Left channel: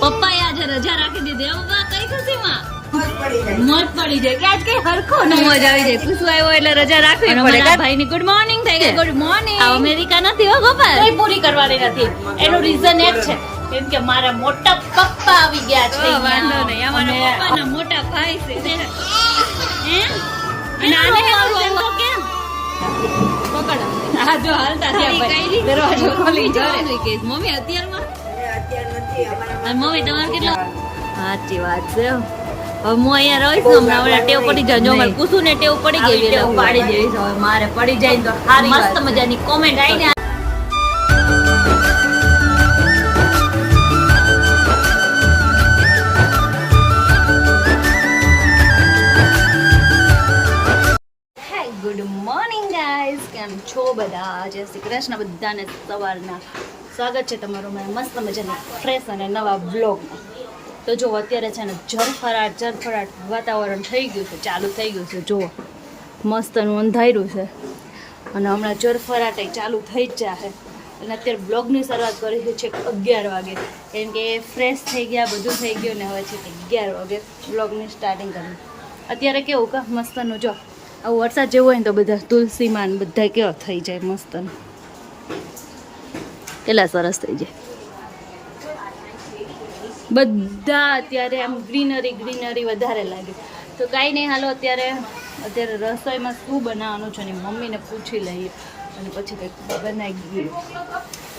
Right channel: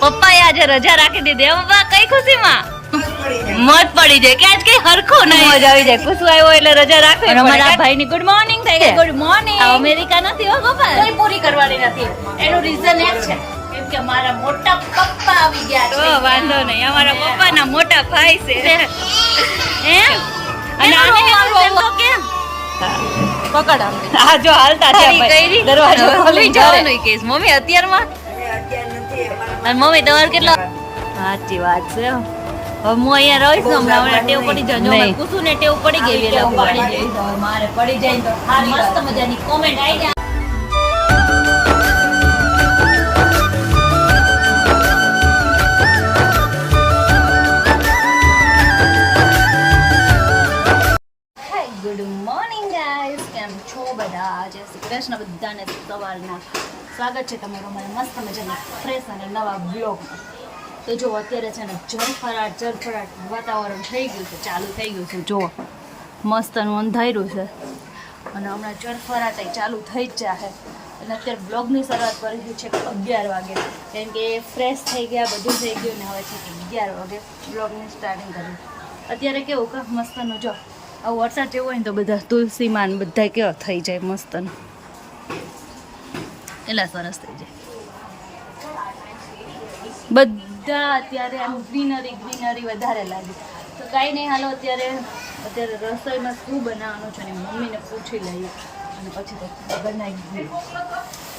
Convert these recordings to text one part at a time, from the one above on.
પપ્પાએ આજે રજા રાખી દીધી. પપ્પા કઈ ખુશીમાં મત પડી જાય કે આજ કઈ હરખો નહીં, મજા આવી જાય. ખુશુ આવ્યો એટલે રજા રાખવી. અને અમારા ભાઈની ગુડ મોર્નિંગ થઈ ગઈ. Good morning. આ અમેરિકા નથી હો ગોપાલ, કઈ પૂરી કરવાની નથી. એનું રીઝન એક છે કેમ કે મારા મોટા પપ્પા આવી ગયા છે. વાંધો નહીં, અમારા પપ્પાના મોટા ભાઈ છે. હે અને આને કેમ પકડ આ જો હાલતા છે ભાઈ, દરવાજો ખોલી જવાનું કેસ. મમ્મી અત્યારમાં અને મમ્મી તમારે કેટલો સાચી વાત છે. હવે હું અહીંયા રહીશ ને હમણાં ટેવ પડી જાય. જો કુસુ ને ટેવ પડી ગઈ એટલે પાડી જઈશ. હવે મારે પડી જાય તો સારી મસ્ત મજાની કોમેન્ટ આવી. ગુડ મોર્નિંગ ગાઈઝ, કેમ છો બધા? જય શ્રી કૃષ્ણ બધાને. સવારના સ્વાગત છે તમારું મારા મસ્ત મજાની ફ્રેશ અને નવા બ્લોગમાં. તો જો અત્યારે છે ને જરફરાટ વાતાવરણ થઈ ગયું છે, ચાલુ થઈ ગયું છે. જો મસ્તનું અંધાર્યું છે અને હમણાં જરફરાટ ચાલુ થઈ જ જશે. અને અત્યારે બ્લોગની શરૂઆત કરી છે 11 વાગે, કેમ કે ફ્રેશ થઈ ગયા, બધું થઈ ગયું ને હવે છે 11 વાગે બ્લોગની સ્ટાર્ટિંગ કરી. અત્યારે કેવું કે મસ્તનું જો આવું વરસાદ જેવું હોય ને તો બધા તુલસીમાં બધા કેવા થઈ જાય મસ્તનું, કેટલા સરસ થઈ જાય બધા. અત્યારે આમ ગ્રીનરી વધારે લાગે. તો કાંઈ નહીં, હાલો અત્યારે રસોઈમાં શું બનાવવાનું છે ને મમ્મીને પૂછી લઈએ અને પછી બનાવી દઈએ.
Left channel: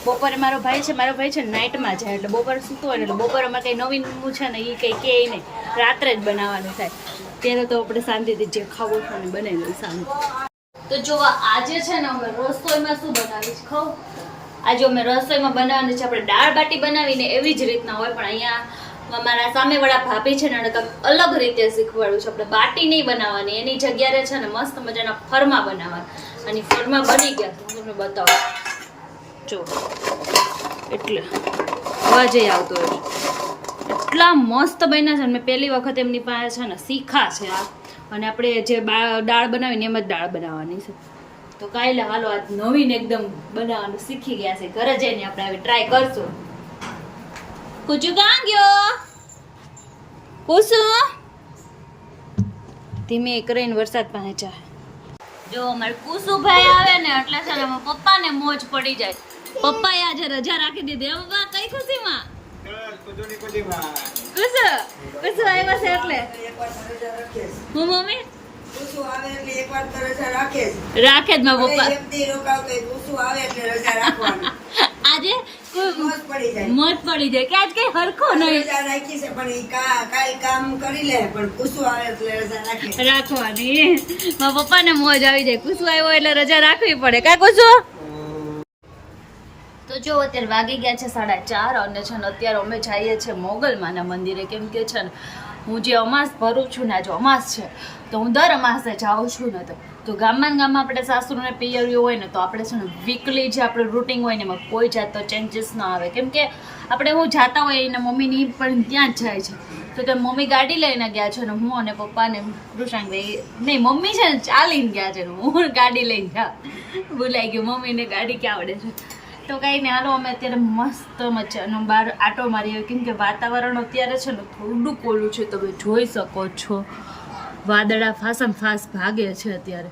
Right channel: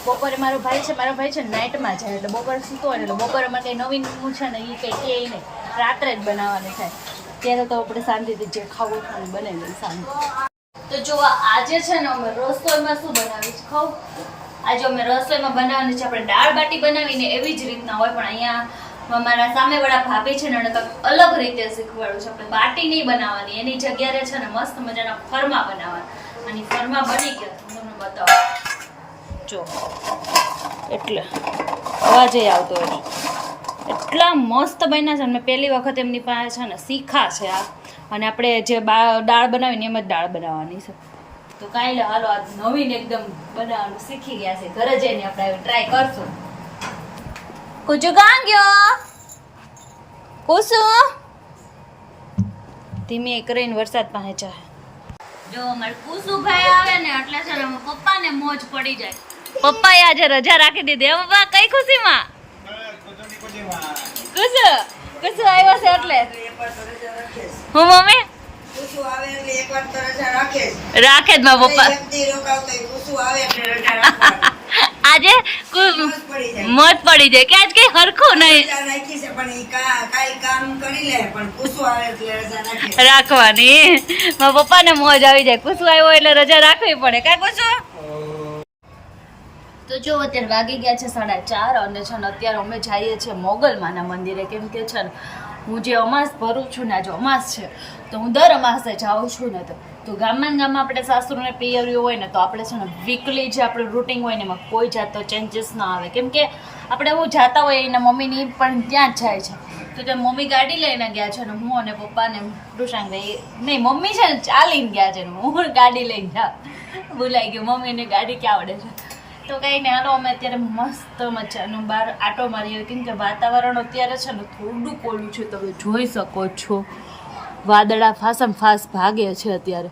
બપોરે મારો ભાઈ છે નાઇટમાં જાય એટલે બપોરે સૂતો હોય ને એટલે બપોરે અમારે કંઈ નવીન છે ને એ કંઈ કહે નહીં, રાત્રે જ બનાવવાનું થાય. ત્યારે તો આપણે શાંતિથી જે ખાવું છે ને બનાવી લઈએ શાંતિ. તો જો આજે છે ને અમે રસોઈમાં શું બનાવીશ ખાવ. આજે અમે રસોઈમાં બનાવવાનું છે આપણે દાળ બાટી બનાવીને એવી જ રીતના હોય, પણ અહીંયા મારા સામેવાળા ભાભી છે ને એને કંઈક અલગ રીતે શીખવાડ્યું છે. આપણે બાટી નહીં બનાવવાની, એની જગ્યાએ છે ને મસ્ત મજાના ફરમા બનાવવાના. અને ફરમા બની ગયા હું તમને બતાવું. જો એટલે અવાજ આવતો હોય છે, એટલા મસ્ત બન્યા છે. મેં પહેલી વખત એમની પાસે છે ને શીખા છે આ, અને આપણે જે દાળ બનાવીને એમ જ દાળ બનાવવાની છે. તો કાલે હાલો આજ નવીન એકદમ બનાવવાનું શીખી ગયા છે. ઘરે જઈને આપણે આવી ટ્રાય કરશું. કુચુ કાં ગયો? કુસુ ધીમે કરીને વરસાદ પાસે જાય. જો અમારે કુસુભાઈ આવે ને એટલે છે ને પપ્પાને મોજ પડી જાય. પપ્પાએ આજે રજા રાખી દીધી. પપ્પા કઈ ખુશીમાં? કુસુ આવ્યા છે એટલે હું મમ્મી રાખે જ મારા પપ્પા આજે મોજ પડી જાય કે આજ કઈ હરખો નહીં રાખવાની. મારા પપ્પાને મોજ આવી જાય. કુસુ આવ્યો એટલે રજા રાખવી પડે કા કુસુ? તો જો અત્યારે વાગી ગયા છે 4:30 અને છે ને અત્યારે અમે જઈએ છીએ મોગલમાના મંદિરે. કેમ કે છે ને હું જે અમાસ ભરું છું ને, આજે અમાસ છે તો હું દર અમાસે જાઉં છું ને તો ગામમાં આપણે સાસુને પિયરિયું હોય ને તો આપણે છે ને વીકલી જે આપણું રૂટિન હોય ને એમાં કોઈ જાતનો ચેન્જીસ ના આવે. કેમ કે આપણે હું જાતા હોય એના મમ્મીની પણ ત્યાં જ જાય છે. તો ત્યાં મમ્મી ગાડી લઈને ગયા છે ને હું અને પપ્પાને કૃષાંગભાઈ નહીં, મમ્મી છે ને ચાલીને ગયા છે ને હું ગાડી લઈને જાઉં. ભૂલાઈ ગયું મમ્મીને ગાડી ક્યાં આવડે છે. તો કંઈ નહીં, હાલો અમે અત્યારે મસ્ત મજાનું બહાર આટો મારીએ. કેમ કે વાતાવરણ અત્યારે છે ને થોડું કોલું છે, તમે જોઈ શકો છો. વાદળા ફાસમ ફાસ ભાગે છે અત્યારે,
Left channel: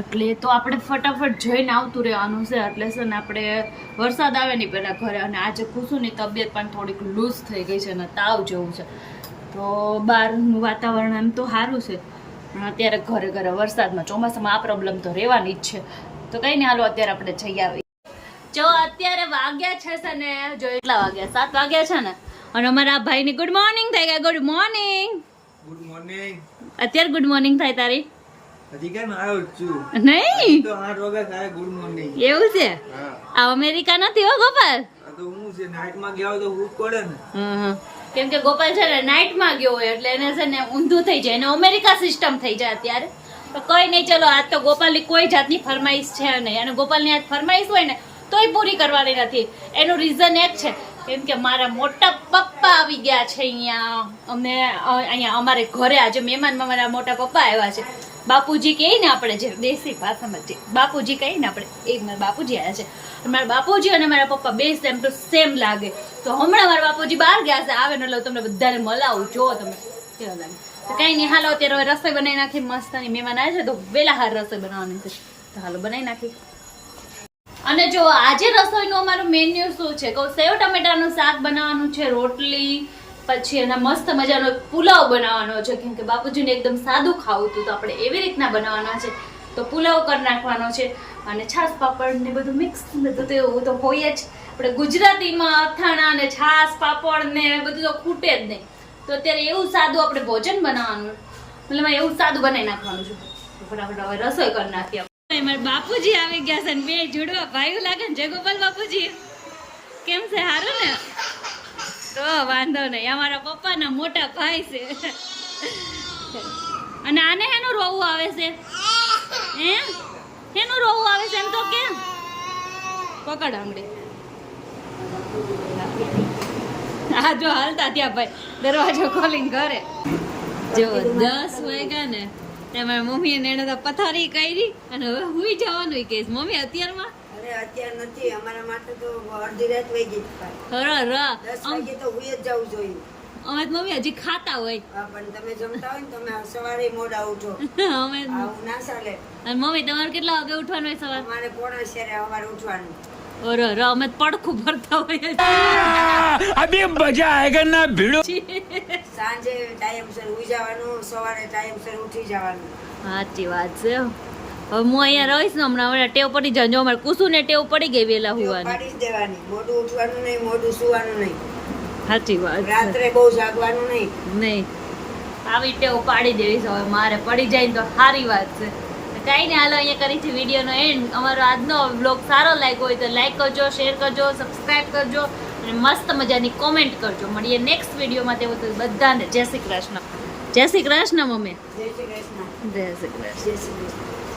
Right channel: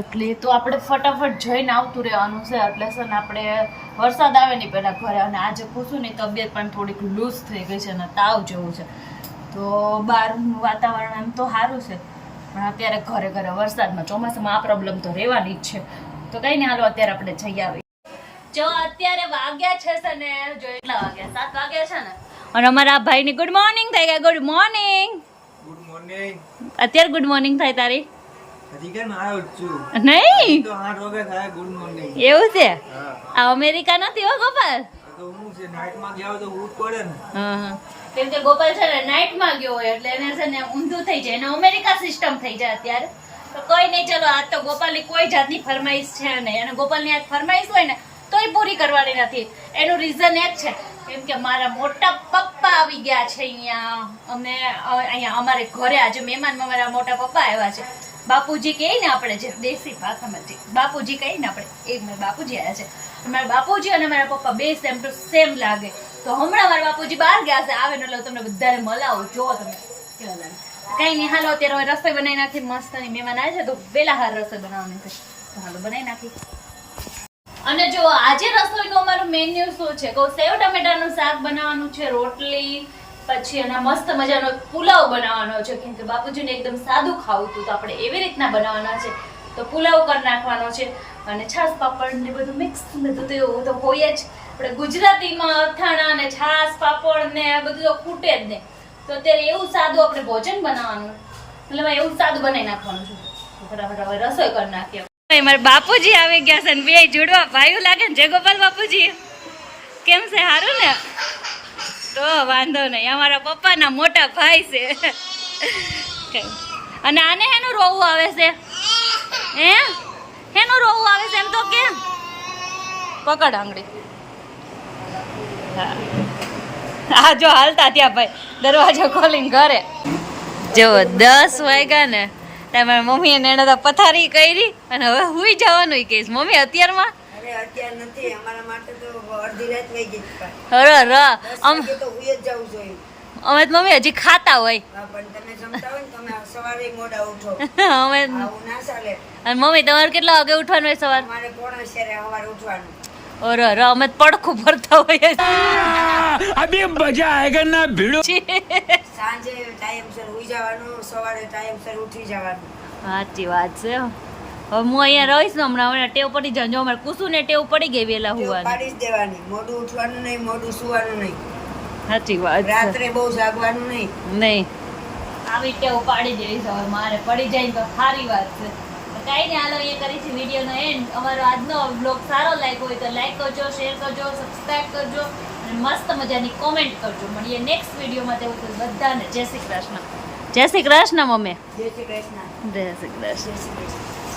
એટલે તો આપણે ફટાફટ જઈને આવતું રહેવાનું છે. એટલે છે ને આપણે વરસાદ આવે નહીં પહેલાં ઘરે. અને આજે કુસુની તબિયત પણ થોડીક લૂઝ થઈ ગઈ છે અને તાવ જેવું છે. તો બહારનું વાતાવરણ એમ તો સારું છે, પણ અત્યારે ઘરે વરસાદમાં ચોમાસામાં આ પ્રોબ્લેમ તો રહેવાની જ છે. તો કઈ નહીં, હાલો અત્યારે આપણે જઈ આવીએ. જો અત્યારે વાગ્યા છે ને, જો એટલા વાગ્યા 7 વાગ્યા છે ને, અને અમારા ભાઈની ગુડ મોર્નિંગ થઈ ગયા. Good morning. Good morning. અત્યારે ગુડ મોર્નિંગ થાય તારી? હજી કેમ આવ્યો છું? નહીં તો 8 વાગે થાય ગુડ મોર્નિંગ. એવું છે? હા. આ અમેરિકા નથી હો ગોપાલ. આ તો હું છે નાઈટમાં ગયા તો હું પડે ને. હા, કેમ કે ગોપાલ છે ને નાઈટમાં ગયો હોય એટલે એને છે ને ઊંધું થઈ જાય, એને અમેરિકા સિસ્ટમ થઈ જાય અત્યારે. તો કઈ નહીં, ચલો આજ તો ગોપાલની કોઈ જાતની ફરમાઈશ છે નહીં. અને ગોપાલની આજ ફરમાઈશ હોય ને તોય પૂરી કરવાની નથી. એનું રીઝન એક છે કેમ કે મારા મોટા પપ્પા આવી ગયા છે અહીંયા. અમને અહીંયા અમારે ઘરે આજે મહેમાનમાં મારા મોટા પપ્પા આવ્યા છે. બાપુજી કહીએ ને આપણે જે દેશી ભાષામાં જે બાપુજી કહીએ ને આપણે એ મારા બાપુજી આવ્યા છે. મારા બાપુજી અને મારા પપ્પા બે સેમ ટુ સેમ લાગે. તો હમણાં મારા બાપુજી બહાર ગયા છે, આવે ને એટલે તમને બધાને મલાવું, જો તમે કેવા લાગે. તો કઈ નહીં, હાલો અત્યારે હવે રસોઈ બનાવી નાખી. મસ્ત મહેમાન આવે છે તો વેલા હાર રસોઈ બનાવવાની છે, તો હાલો બનાવી નાખી. અને જો આજે રસોઈનું અમારું મેન્યુ શું છે કહું, સેવ ટમેટાનું શાક બનાવવાનું છે, રોટલી, પછી એના મસ્ત મજાનો પુલાવ બનાવવાનો છે. કેમ કે બાપુજીને એકદમ સાદું ખાવું હતું તો આપણે એવી રીતના બનાવવાના છે. તો પુલાવ કરી નાખવાનો છે અને છાશ પાપડ ને બધું મિક્સ, બધું તો એવું તો હોય જ. આપણે ગુજરાતીમાં અથાણા ને છાશ પાપડ ને બધું તો ખૂટે જ નહીં. તો અત્યારે એવું સાદું આપણે ભોજન બનાવવાનું, એટલે મેં એવું સાદું બનાવી નાખવાનું છે. ફટાફટ હવે રસોઈ કરી નાખીએ. મારા બાપુજી આવી ગયા છે ને બે જોડવા ભાઈઓ લાગે ને. જય ગોપાલ બાપુજી, કેમ છે? સારું ને? તો વાંધો નહીં, અમારા પપ્પાના મોટા ભાઈ છે. અને આને એનું રોવું આવે છે, એનું રોવું આવે છે એમ તો કેમ? પકડ આંગળી. હા જો હાલતા ત્યાં ભાઈ દરવાજો ખોલીને ઘરે. જો 10 વાગ્યા ને તમારી મમ્મી ને એને તો પથારી કરી અને હવે હુઈ જવાનું કહીશ. મમ્મી અત્યારમાં અત્યાર નથી, અમારા માટે તો અડધી રાત વહી ગઈ. અમે મમ્મી હજી ખાતા હોય. પણ તમે જમતા હોય ને તમે સવારે મોડા ઉઠો, અમે આવું ના ચાલે. અને મમ્મી તમારે કેટલા વાગે ઉઠવાનું હોય સવાર? અમારે 5:30 સવારે ઉઠવાનું. ઓરે અમે પડખું ભરતા હોઈએ. अभी मजा आएगा ना भिड़ो. સાંજે ટાઈમસર ઉઈ જવાનું, સવારે ટાઈમસર ઉઠી જવાનું. સાચી વાત છે. હવે હું અહીંયા રહીશ ને હમણાં ટેવ પડી જાય. જો અમારે કુસુને ટેવ પડી ગઈ વેલા હોવાની. પાડી જ દેવાની, મોડું ઉઠવાનું નહીં, મોડું સુવાનું નહીં, સાચી વાત છે. રાત્રે બહુ જાગવાનું નહીં. નહીં, આવી ટેવ પાડી દેવી છે. હવે મારે પડી જાય ને તો સારી વાત છે. કાંઈ નહીં, હાલો અહીંયા કરી છે વિડીયોનો એન્ડ. અમારો આજનો બ્લોગ સારો લાગ્યો હોય તો લાઈક કરજો, શેર કરજો, સબસ્ક્રાઈબ કરજો અને મસ્ત મજાની કોમેન્ટ કરજો. મળીએ નેક્સ્ટ વિડીયોમાં. તેવું તો બધાને જય શ્રી કૃષ્ણ. જય શ્રી કૃષ્ણ મમ્મી. જય શ્રી કૃષ્ણ. જય શ્રી કૃષ્ણ. જય શ્રી કૃષ્ણ.